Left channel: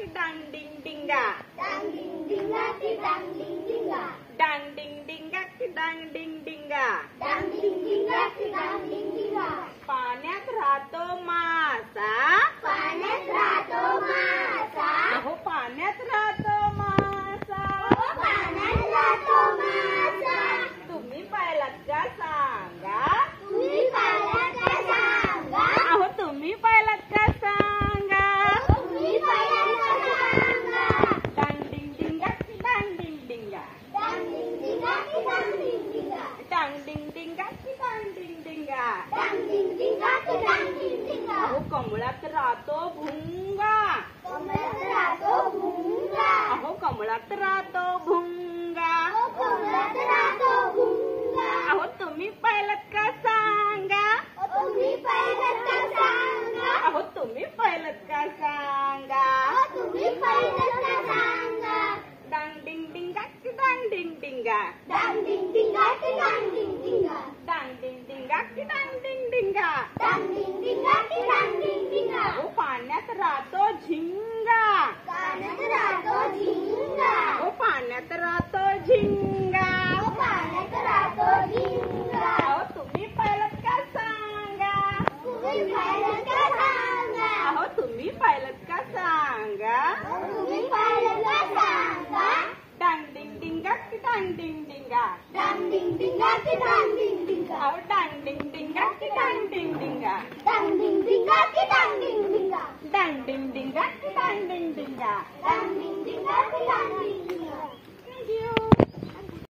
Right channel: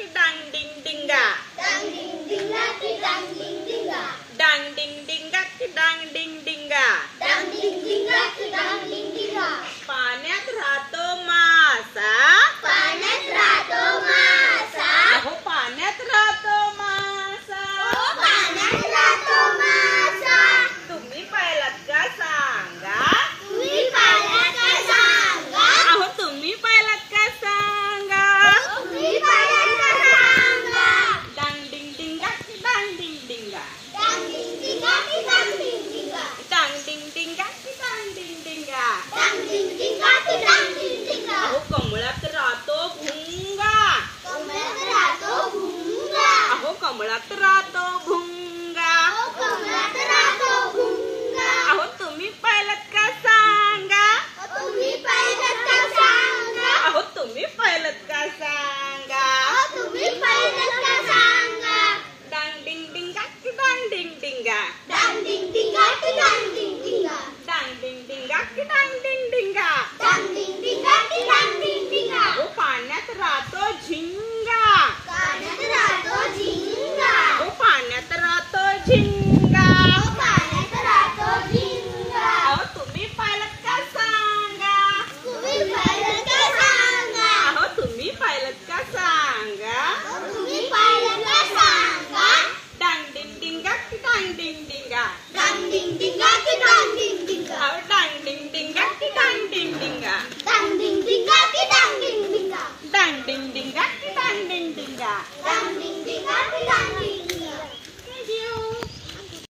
की डांग डिंग डिंगा, डांग डिंग डिंगा की डांग डिंग डिंगा, डांग डिंग डिंगा की डांग डिंग डिंगा, डांग डिंग डिंगा की डांग डिंग डिंगा. पाण्यात राहतो मासा, पाण्यात राहतो मासा, अहो पाण्यात राहतो मासा, पाण्यात राहतो मासा. तुम्ही पाहिलात का सांगा, तुम्ही पाहिलात का सांगा, अहो तुम्ही पाहिलात का सांगा. तुम्ही पाहिलात का सांगा. डांग डिंग डिंगा की डांग डिंग डिंगा, डांग डिंग डिंगा की डांग डिंग डिंगा, डांग डिंग डिंगा की डांग डिंग डिंगा. डांग डिंग डिंगा की डांग डिंग डिंगा. अहो कमळात राहतो भुंगा, कमळात राहतो भुंगा, अहो कमळात राहतो भुंगा. कमळात राहतो भुंगा. अहो तुम्ही पाहिलात का सांगा, तुम्ही पाहिलात का सांगा, अहो तुम्ही पाहिलात का सांगा. तुम्ही पाहिलात का सांगा. डांग डिंग डिंगा की डांग डिंग डिंगा, डांग डिंग डिंगा की डांग डिंग डिंगा, डांग डिंग डिंगा की डांग डिंग डिंगा. डांग डिंग डिंगा की डांग डिंग डिंगा. अहो पाण्यात राहतो झिंगा, पाण्यात राहतो झिंगा, अहो पाण्यात राहतो झिंगा. पाण्यात राहतो झिंगा. अहो तुम्ही पाहिलात का सांगा, तुम्ही पाहिलात का सांगा, अहो तुम्ही पाहिलात का सांगा. तुम्ही पाहिलात का सांगा. डांग डिंग डिंगा की डांग डिंग डिंगा, डांग डिंग डिंगा की डांग डिंग डिंगा, अहो